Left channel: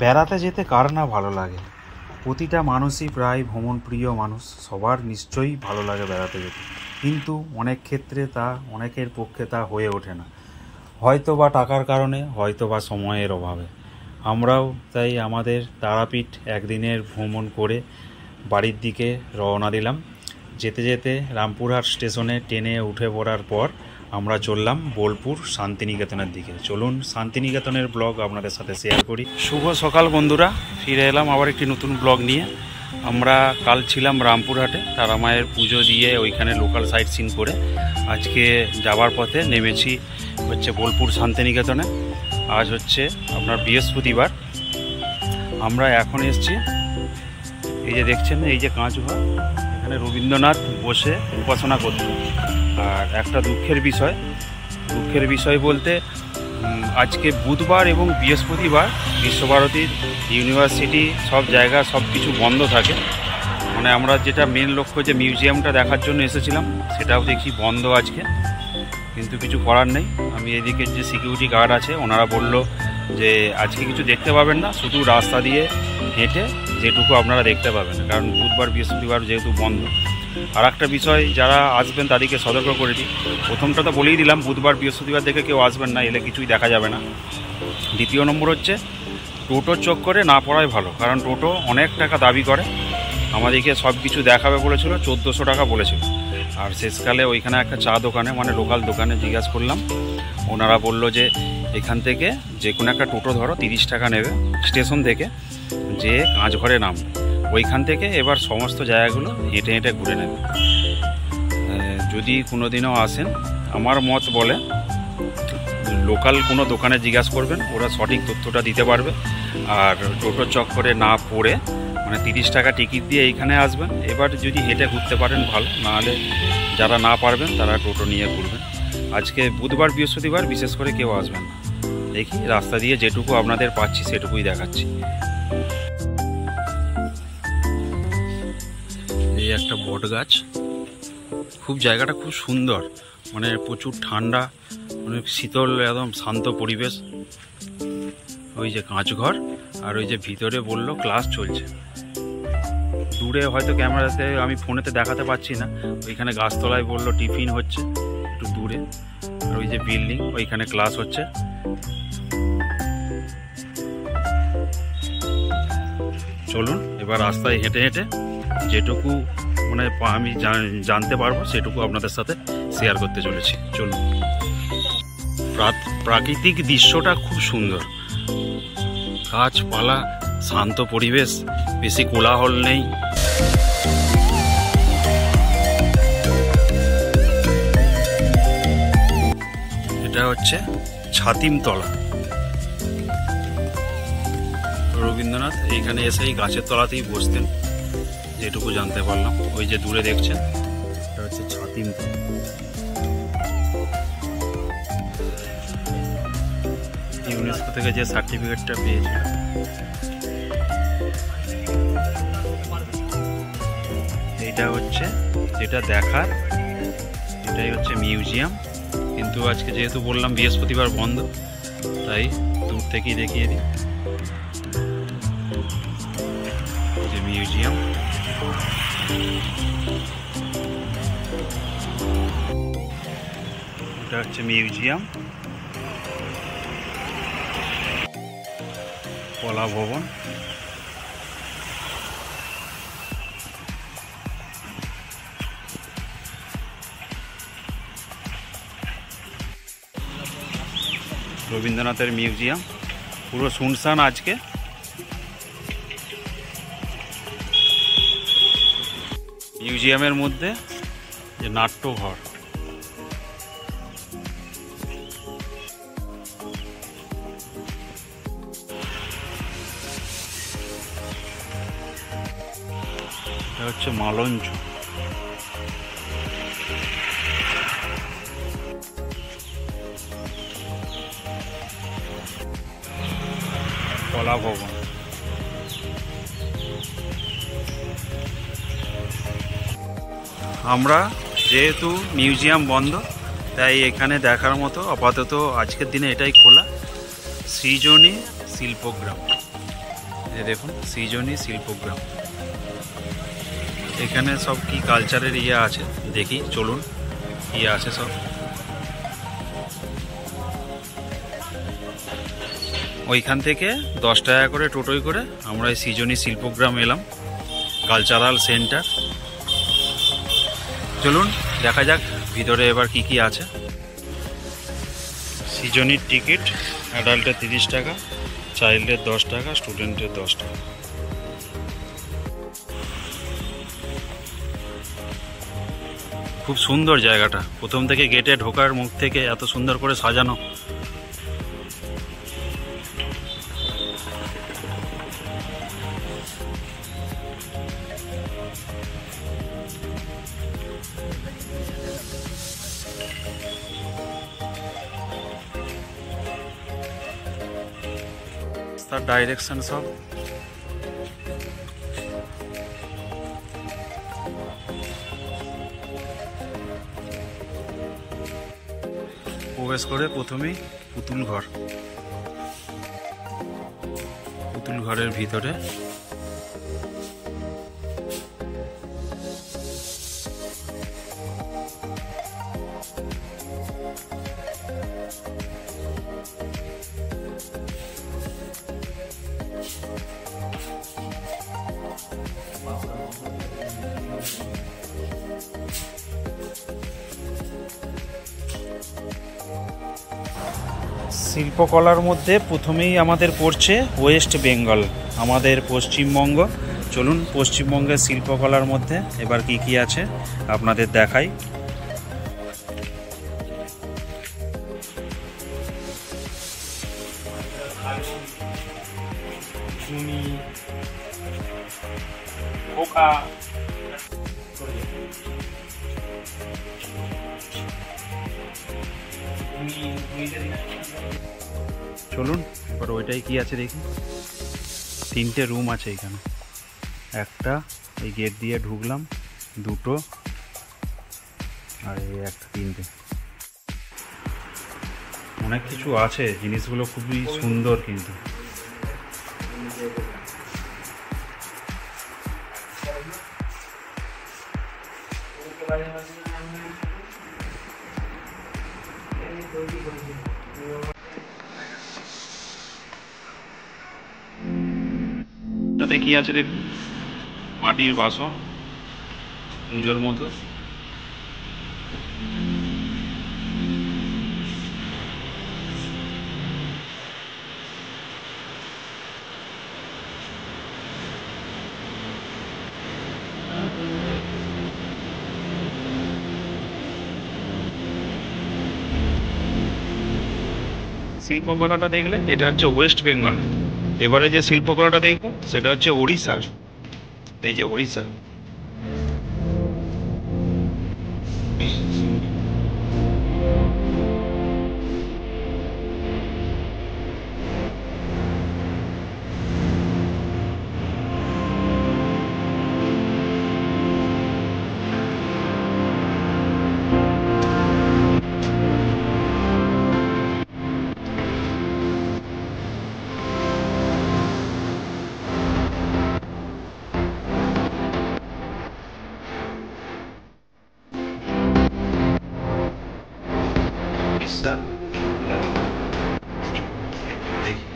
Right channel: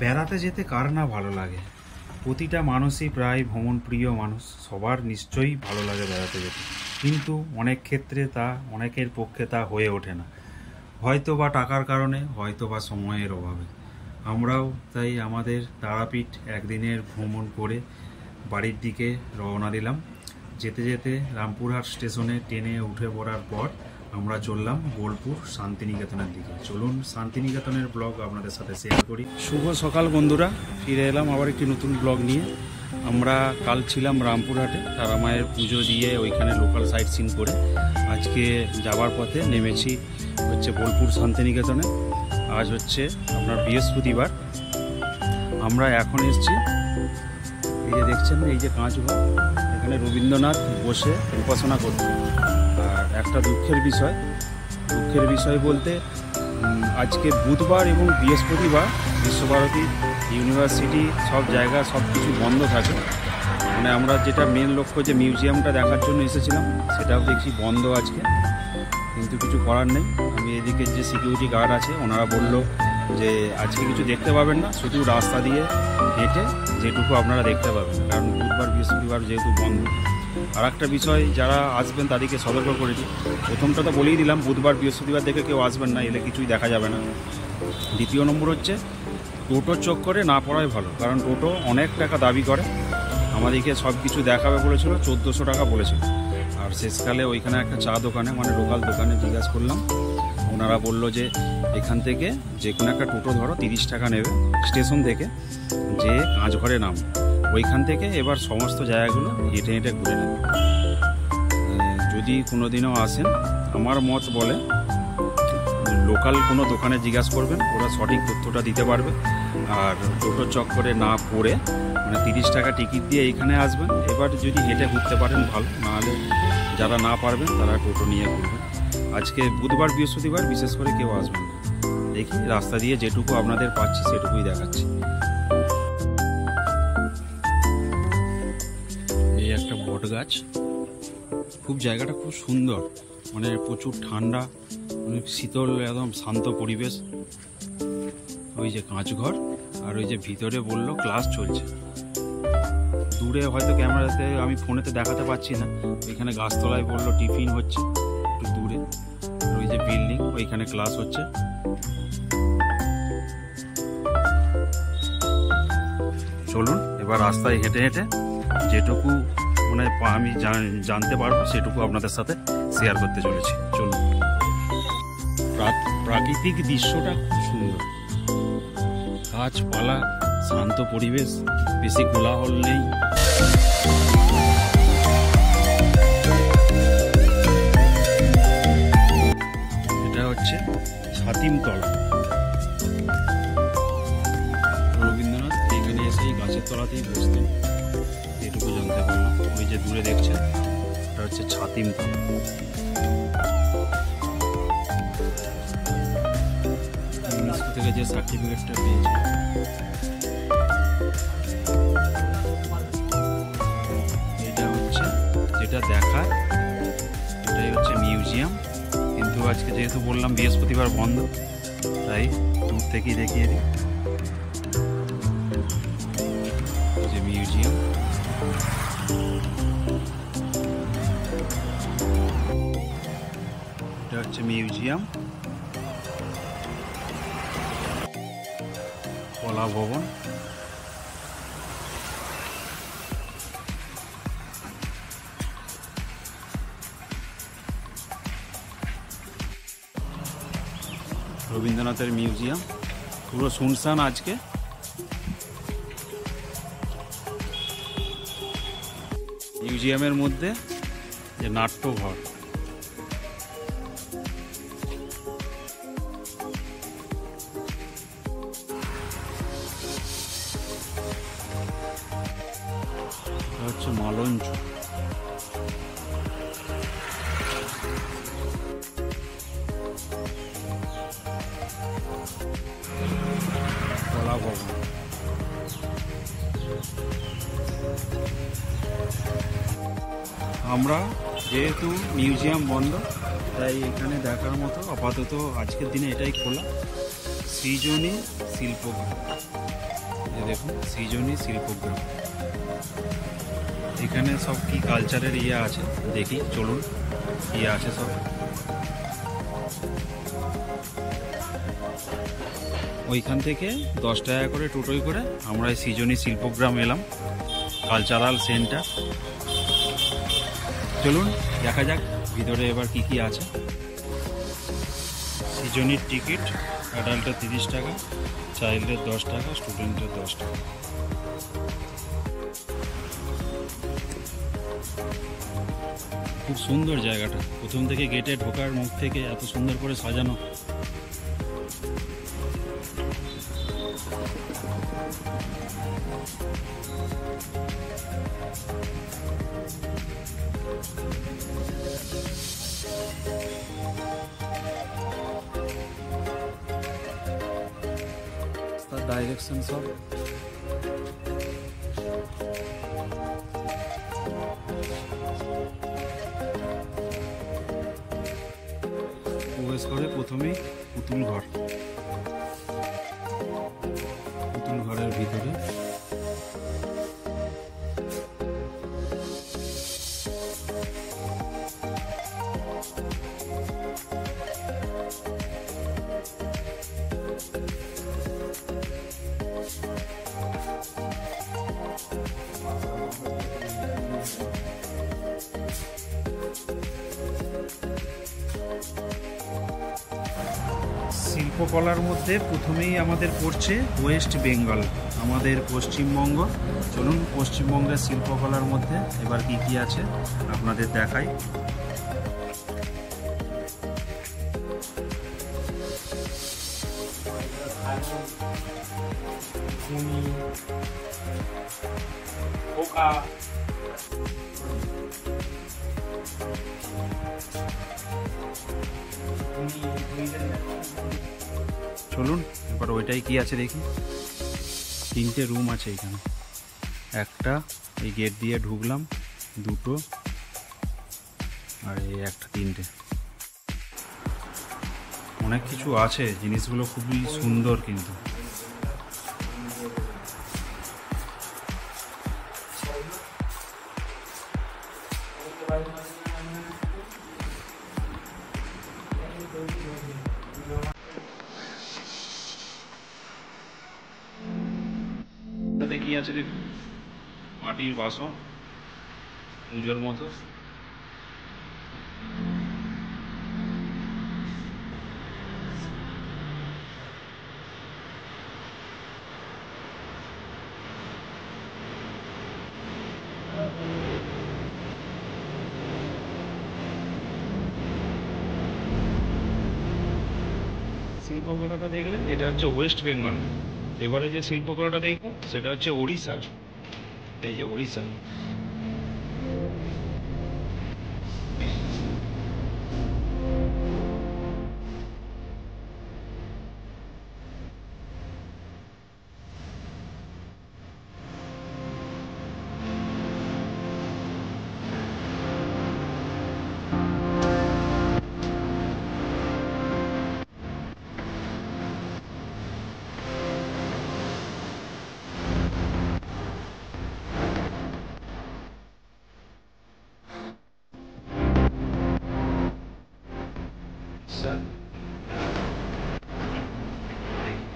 বেড়াতে যেতে কার না ভালো লাগে? প্রতিটা মানুষই প্রায় ভ্রমণপ্রিয় মানুষ, সবার নিশ্চয়ই ভালো লাগে বেড়াতে যেতে। কিন্তু অনেক ক্ষেত্রে অনেকের পক্ষে তা হয়ে ওঠে না, হয়তো বা টাকার কারণে, হয়তো বা সময়ের অভাবে। আমরাও তাই আমাদের তারাপীঠ একদিনের ভ্রমণ করে বাড়ির দিকে রওনা দিলাম। যেতে যেতে রামপুরহাট স্টেশনে ট্রেনে উঠে পড়ার পর আমরা চললাম বোলপুর শান্তিনিকেতনের দিকে। চলুন শান্তিনিকেতনের ব্লগ আপনাদের সাথে শেয়ার করি। শুভ সকাল বন্ধুরা, ফিরে এলাম আবার একটি নতুন ব্লগ নিয়ে। আমরা কাল ছিলাম রামপুরহাটে, তারা মায়ের পুজো দিয়ে ওইখানে লোকাল সাইট সিন করে আজকে যাওয়ার পথে নেমেছি হচ্ছে বোলপুর শান্তিনিকেতনে। আজ হচ্ছে আপনার বৃহস্পতিবার। আমরা এখন এসছি, এই যে দেখছেন এই যে কাঁচঘর, এখানে রবীন্দ্রনাথ বসে উপাসনা করত। আর একটা দুঃখের বিষয় বলতে আজকে বুধবার এবং বৃহস্পতিবার বিশ্বভারতীর ইউনিভার্সিটি সব জায়গা সব কিছু বন্ধ থাকে। মানে আমরা যেটা মেন লক্ষ্য যে মিউজিয়ামটা দেখার জন্য এসেছিলাম সেটাও দেখছি বন্ধ আজকে, কিন্তু কিছু করার নেই। আমি এদিকে যে সিকিউরিটি গার্ড আছে ওনারা বলল যে আজকে কিছু দেখতে পাবেন না, শুধু রাস্তা দিয়ে হেঁটে যেটুকু আপনারা দেখতে পাবেন, কারণ বুধবার বৃহস্পতিবার যেহেতু বন্ধ। আর একটা বিষয়, যারা আসবেন তাদেরকে সতর্ক করে দিই। প্রথমটা তো বলেই দিলাম, বুধবার বৃহস্পতিবার দেখে কেউ আসবেন না, এলে কিছুই দেখা যাবে না। দ্বিতীয় নম্বর হচ্ছে টোটোর চক্করে না পড়াই ভালো, কারণ টোটো অনেক টাকা দাবি করে। আমাদেরকে সব কিছু দেখাবে বলেছিল, 1400 টাকা বলেছিল। আর শেষকালে ওইখানে একটা চা দোকানে, মানে লোকাল দোকানে জিজ্ঞাসা করলাম, ওনারা বলল যে এখান থেকে যে কোনো একটা টোটো ধরো 30 টাকা নেবে স্টেশন থেকে, যে কাঁচঘরে নামবে, ওইখান থেকে এবার সমস্ত জায়গাগুলো হেঁটে হেঁটে ঘুরে নেবে। যদি কোনো দিনও আসেন, আমার মত বলে লোকাল কোনো দোকানে জিজ্ঞাসা করবেন, ওরা সঠিক তথ্যটা দিতে পারবে। আর টোটোর চক্করে না পড়ে মানে 30 টাকা টিকিট দিয়ে এইখানে আসবেন। এবার যদি হেঁটে ঘুরতে পারেন ভালো, নাহলে যারা না পারবেন তারা টোটো নিয়ে ঘুরবেন। আজকে বুধবার বৃহস্পতিবার বিশেষ করে কেউ আসবেন না। দেখি রাস্তা দিয়ে যেটুকু আপনাদের পাচ্ছি সেটুকুই দেখাচ্ছি। এই একটা বট গাছ, খুব জায়গাটা খুব সুন্দর, মানে প্রচুর ঠান্ডা, অনেক শীতল, একদম শান্ত পরিবেশ। ওই যে কাঁচঘর, আর ওই যে ভিতরে বললো ক্লাস চলছে। দূরে হয়তো ক্যামেরাতে আমি ফোনেতে দেখাতে পাচ্ছি না, ওইখানে গাছতলায় বললো টিফিন হচ্ছে একটু দূরে। আর ওই যে বিল্ডিং, ওইখানে ক্লাস হচ্ছে। চলুন এবার রাস্তায় হেঁটে হেঁটে যেটুকু মানে আমি জানতে পারবো সেটুকু আপনাদের সাথে শেয়ার করতে চলেছি। চলুন। প্রাকৃতিক দৃশ্যটা খুব সুন্দর, গাছপালা, শান্ত পরিবেশ, বেশি কোলাহল নেই। এটা হচ্ছে ছাতিমতলা। রবীন্দ্রনাথ এইখানে এসে এই গাছের তলাতেই বসতেন, যেটুকু জানতে পারলাম। ওই যে দূরে দেখছেন, এটা হচ্ছে ছাতিমতলা। ইউনেস্কো থেকে যে সার্টিফিকেটটা পেয়েছিল। এইটা হচ্ছে যেটা দেখার, এটাই হচ্ছে মিউজিয়াম। কিন্তু আজকে যেহেতু বললাম বৃহস্পতিবার বন্ধ, তাই দূর থেকেই দেখিয়ে দিই যে মিউজিয়াম। এটা হচ্ছে মিউজিয়াম, কলা ভবন। রবীন্দ্রনাথের মিউজিয়াম পুরো শুনশান আজকে। মিউজিয়ামের মধ্যে যে নাট্যঘর, এটা হচ্ছে মালঞ্চ। কলা ভবন। আমরা যেহেতু মিউজিয়াম বন্ধ, তাই এখানে দেখার মতো আপাতত আজকের দিনে এটাই খোলা, সৃজনী শিল্পগ্রাম। এই দেখুন সৃজনী শিল্পগ্রাম। এখানে সব কি কালচারের ইয়ে আছে দেখি, চলুন ইয়ে আছে সব। ওইখান থেকে 10 টাকা করে টোটোয় করে আমরা এই সৃজনী শিল্পগ্রাম এলাম, কালচারাল সেন্টার। চলুন দেখা যাক ভিতরে এবার কি কি আছে। সৃজনীর টিকিট অ্যাডাল্টের 30 টাকা, চাইল্ডের 10 টাকা, স্টুডেন্টের 10 টাকা। খুব সুন্দর জায়গাটা, প্রথম থেকে গেটে ঢোকার মুখ থেকে এত সুন্দর করে সাজানো। তার ডাইরেকশন সব প্রবেশ করে প্রথমেই পুতুল ঘর, পুতুল ঘরের ভিতরে শিল্পকলার মধ্যে প্রথমেই আমাদের পড়ছে ওয়েস্ট বেঙ্গল, আমাদের পশ্চিমবঙ্গ। চলুন পশ্চিমবঙ্গের শিল্পকলার মধ্যে এবার কি কি আছে আপনাদের দেখাই। চলুন এবার ওইটাই কি আছে দেখি। 3টে রুম আছে এখানে, একটা এই গেট দিয়ে ঢুকলাম, 2টো, আর এই একটা, 3টে। অনেক কিছু আছে, জিনিসগুলো খুবই সুন্দর কিন্তু। তাতে কি আছে দেখুন, মাটির বাসন পুজোর মতো। শিল্পকলাটা দেখলে এটা হচ্ছে ওয়েস্ট বেঙ্গল, এবারে যে শিল্পকলাটা দেখবো সেটা হচ্ছে ওড়িশার। এই যে ওড়িশা, উড়িষ্যা। দেখি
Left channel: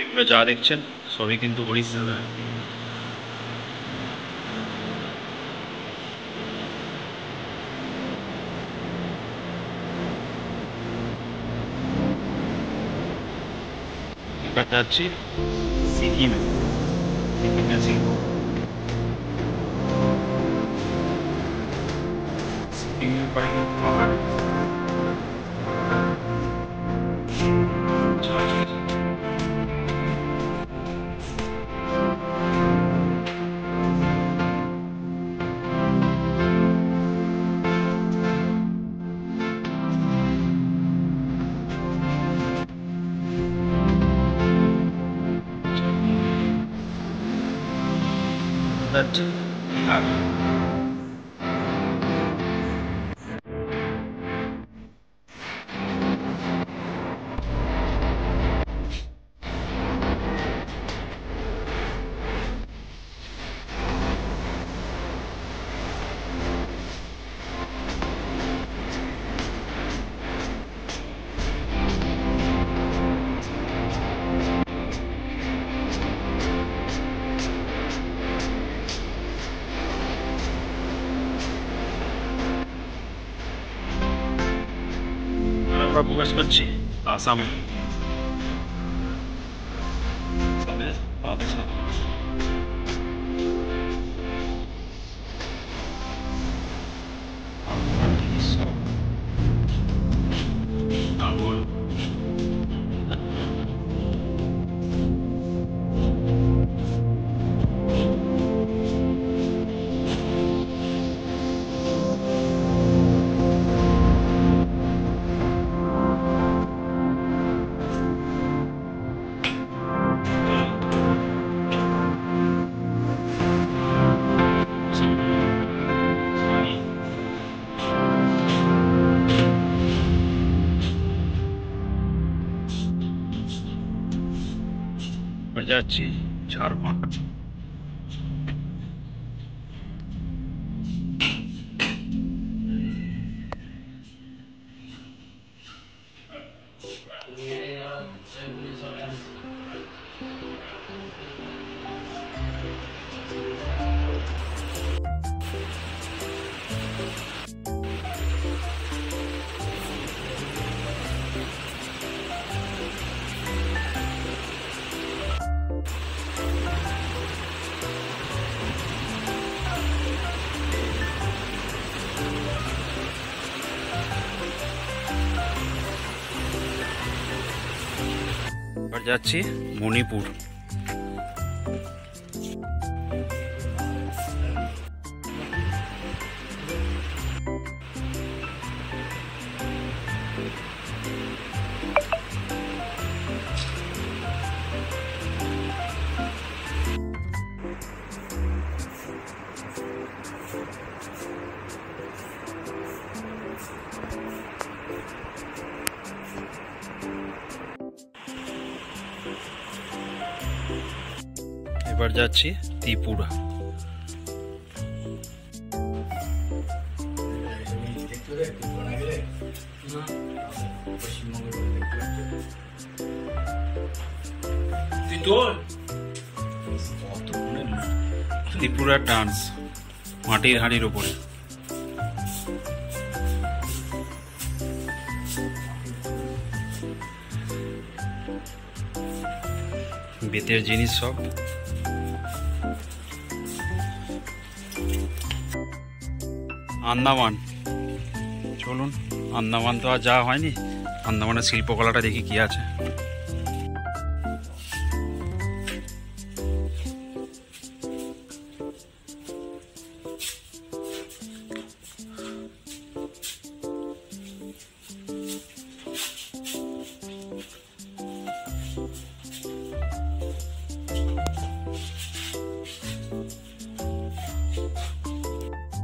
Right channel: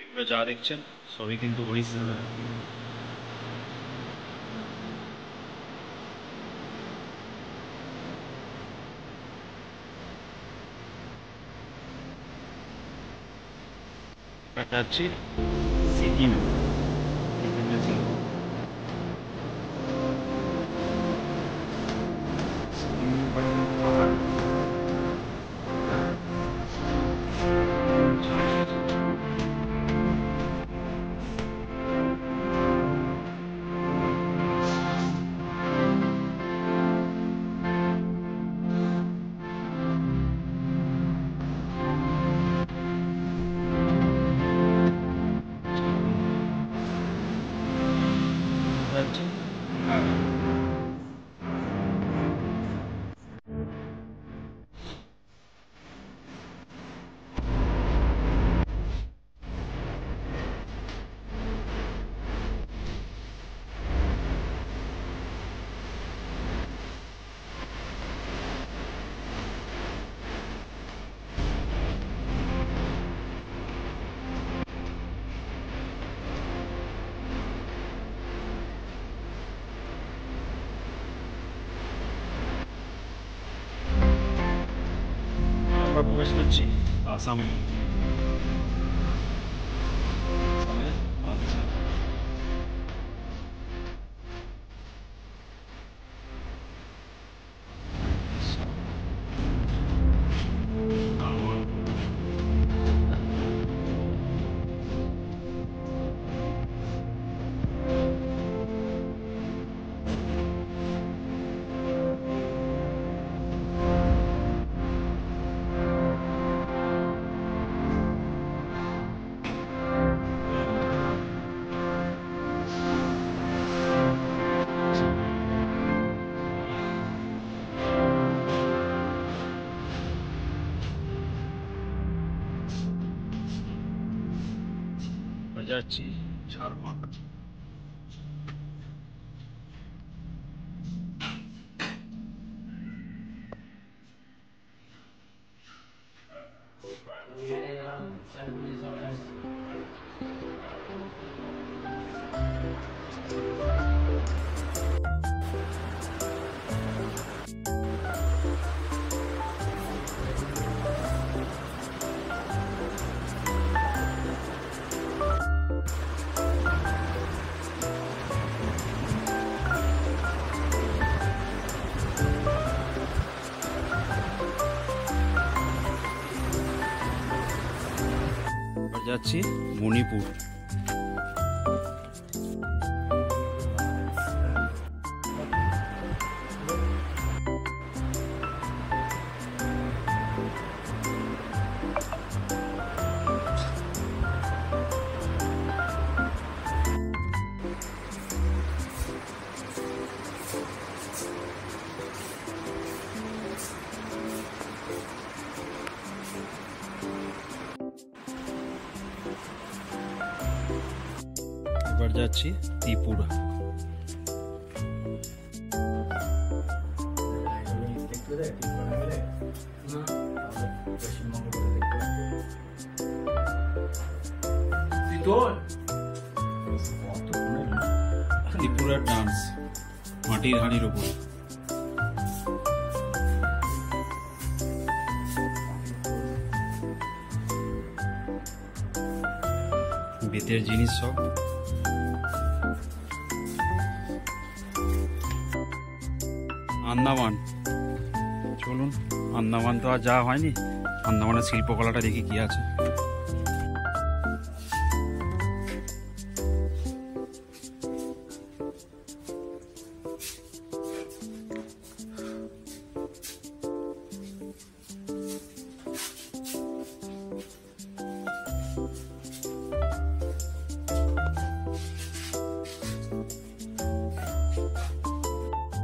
এগুলো যা দেখছেন সবই কিন্তু ওড়িশা। যাচ্ছি সিকিমে, সিকিমে শিল্প, সিকিমের পরে কিন্তু পাহাড়। আমরা প্রকাশ করছি আসাম যাচ্ছি ঝাড়খণ্ড। যাচ্ছি মণিপুর। এবার যাচ্ছি ত্রিপুরা। ত্রিপুরার ডান্স মাটির হাঁড়ির ওপরে। বেতের জিনিস সব। আন্দামান, চলুন আন্দামান তো আর যাওয়া হয়নি, আন্দামানের শিল্পকলাটা দেখি কি আছে।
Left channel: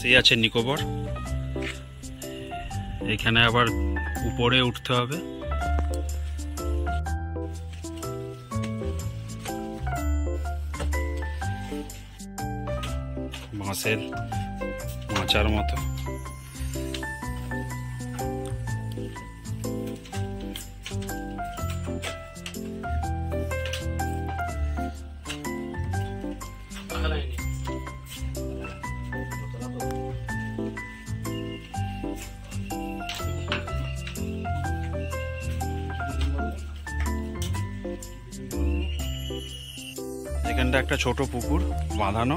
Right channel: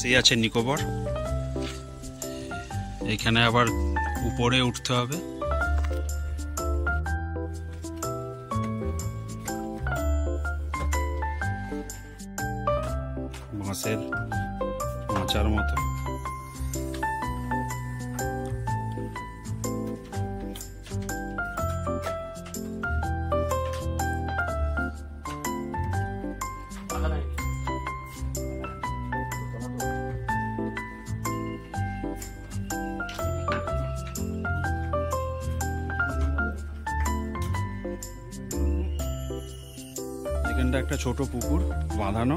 সেই আছে নিকোবর, এখানে আবার উপরে উঠতে হবে। বাঁশের মাচার মতো। এখানটা একটা ছোট পুকুর বাঁধানো।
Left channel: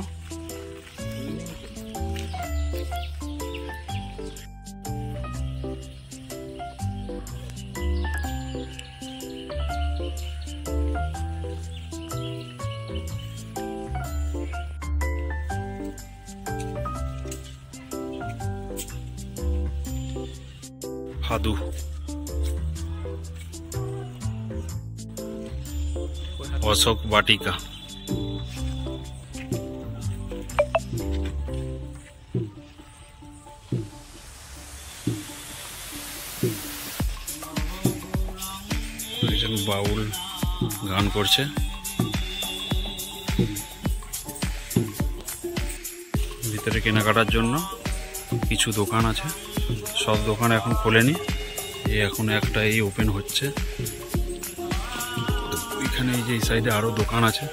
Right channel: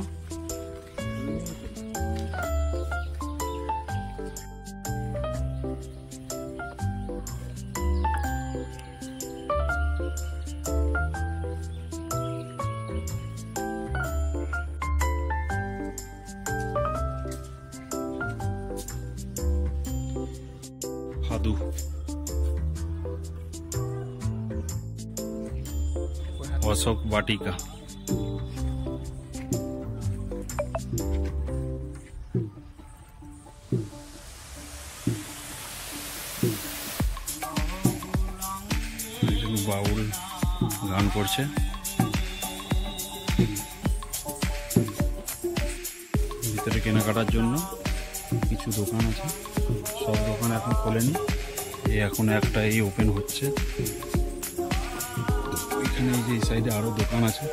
ফাদু। অশোক বাটিকা। একজন বাউল গান করছে। ভিতরে কেনাকাটার জন্য কিছু দোকান আছে, সব দোকান এখন খোলেনি, এখন একটা এই ওপেন হচ্ছে। এখানে এই যে এই সাইডে আরো দোকান আছে।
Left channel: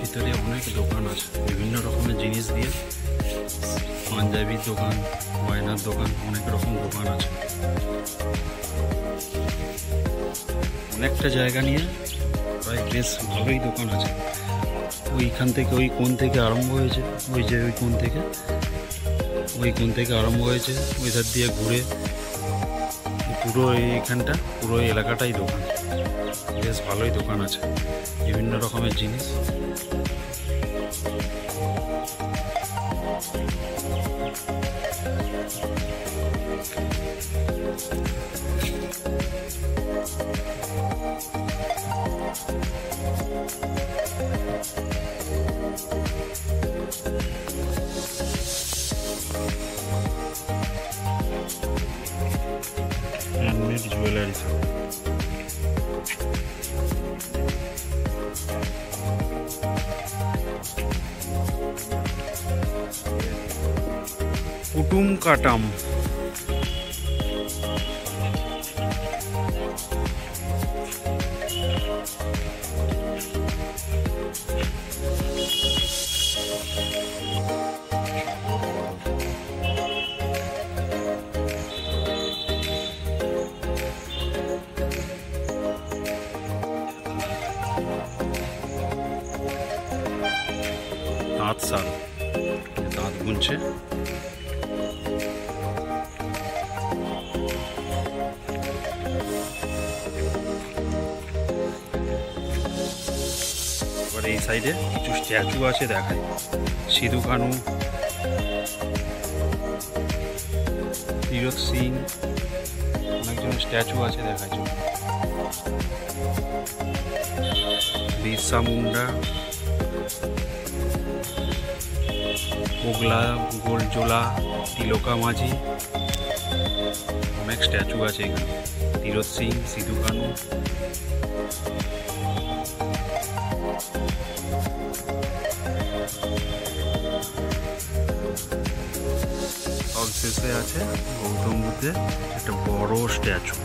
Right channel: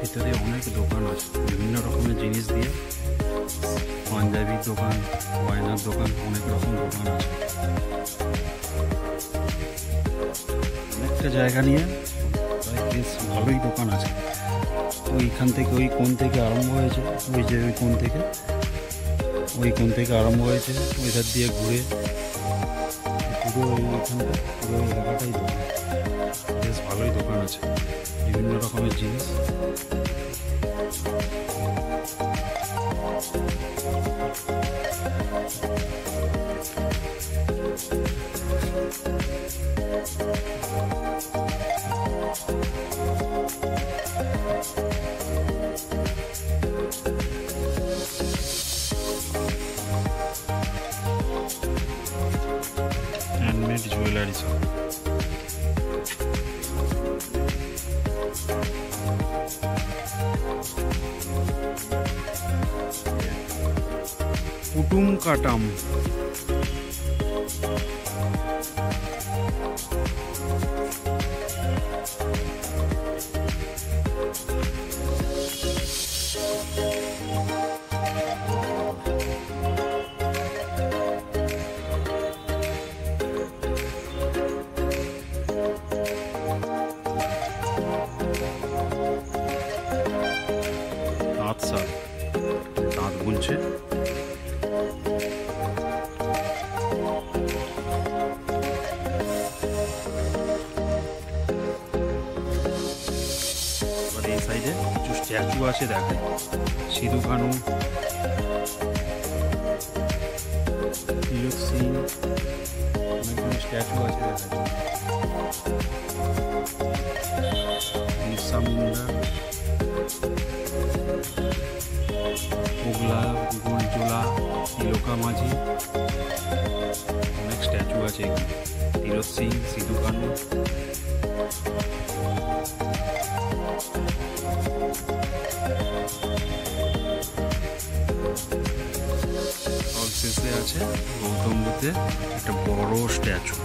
ভিতরে অনেক দোকান আছে বিভিন্ন রকমের জিনিস দিয়ে, পাঞ্জাবির দোকান, গয়নার দোকান, অনেক রকম দোকান আছে। অনেকটা জায়গা নিয়ে প্রায় বেশ ভালোই দোকান আছে। ওইখান থেকে ওই কোণ থেকে আরম্ভ হয়েছে, ওই যে ওই কোণ থেকে আরম্ভ হয়েছে, ওই ধার দিয়ে ঘুরে পুরো এইখানটা, পুরো এলাকাটাই দোকান। বেশ ভালোই দোকান আছে, বিভিন্ন রকমের জিনিস। Handmade jewellery shop. কুটুম কাটাম। তাঁত শাল, তাঁত বুনছে। এবার এই সাইডে কিছু স্ট্যাচু আছে দেখায়। সিধু কানু, তীরথ সিং, অনেকজন স্ট্যাচু আছে দেখায়। বিরসা মুন্ডা, ওগলা, গোলজোলা, তিলকা মাঝি, অনেক স্ট্যাচু আছে এখানে। তীরথ সিং, সিধু কানু। সবশেষে আছে গৌতম বুদ্ধের একটা বড় স্ট্যাচু।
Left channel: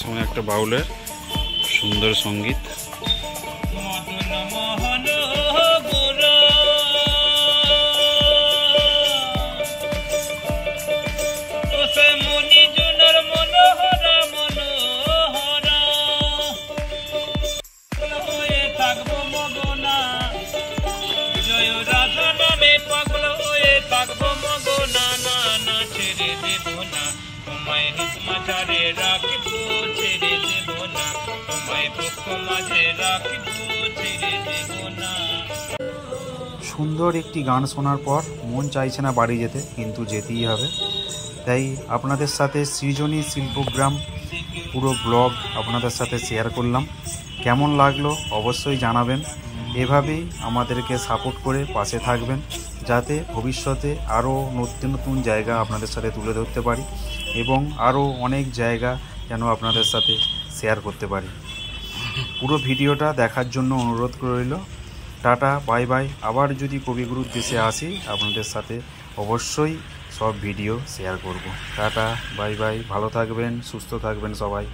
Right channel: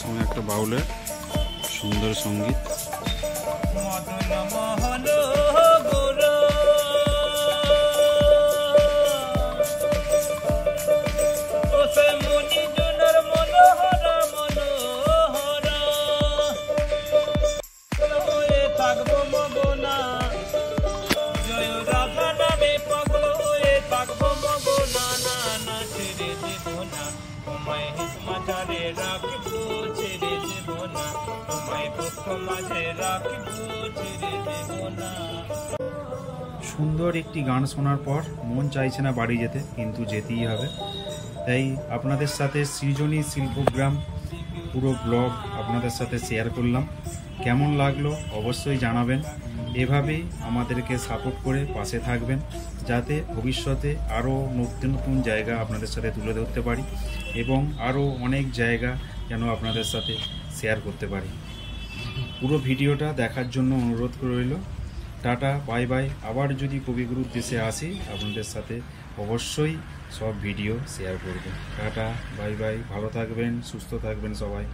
সময় একটা বাউলের সুন্দর সঙ্গীত। সুন্দর একটি গান শোনার পর মন চাইছে না বাড়ি যেতে, কিন্তু যেতেই হবে। তাই আপনাদের সাথে সৃজনী শিল্পগ্রাম পুরো ব্লগ আপনাদের সাথে শেয়ার করলাম। কেমন লাগলো অবশ্যই জানাবেন। এভাবেই আমাদেরকে সাপোর্ট করে পাশে থাকবেন, যাতে ভবিষ্যতে আরও নতুন নতুন জায়গা আপনাদের সাথে তুলে ধরতে পারি এবং আরও অনেক জায়গা যেন আপনাদের সাথে শেয়ার করতে পারি। পুরো ভিডিওটা দেখার জন্য অনুরোধ রইল। Tata, bye bye. আবার যদি কবিগুরুর দেশে আসি আপনাদের সাথে অবশ্যই সব ভিডিও শেয়ার করব। Tata, bye bye. ভালো থাকবেন, সুস্থ থাকবেন সবাই।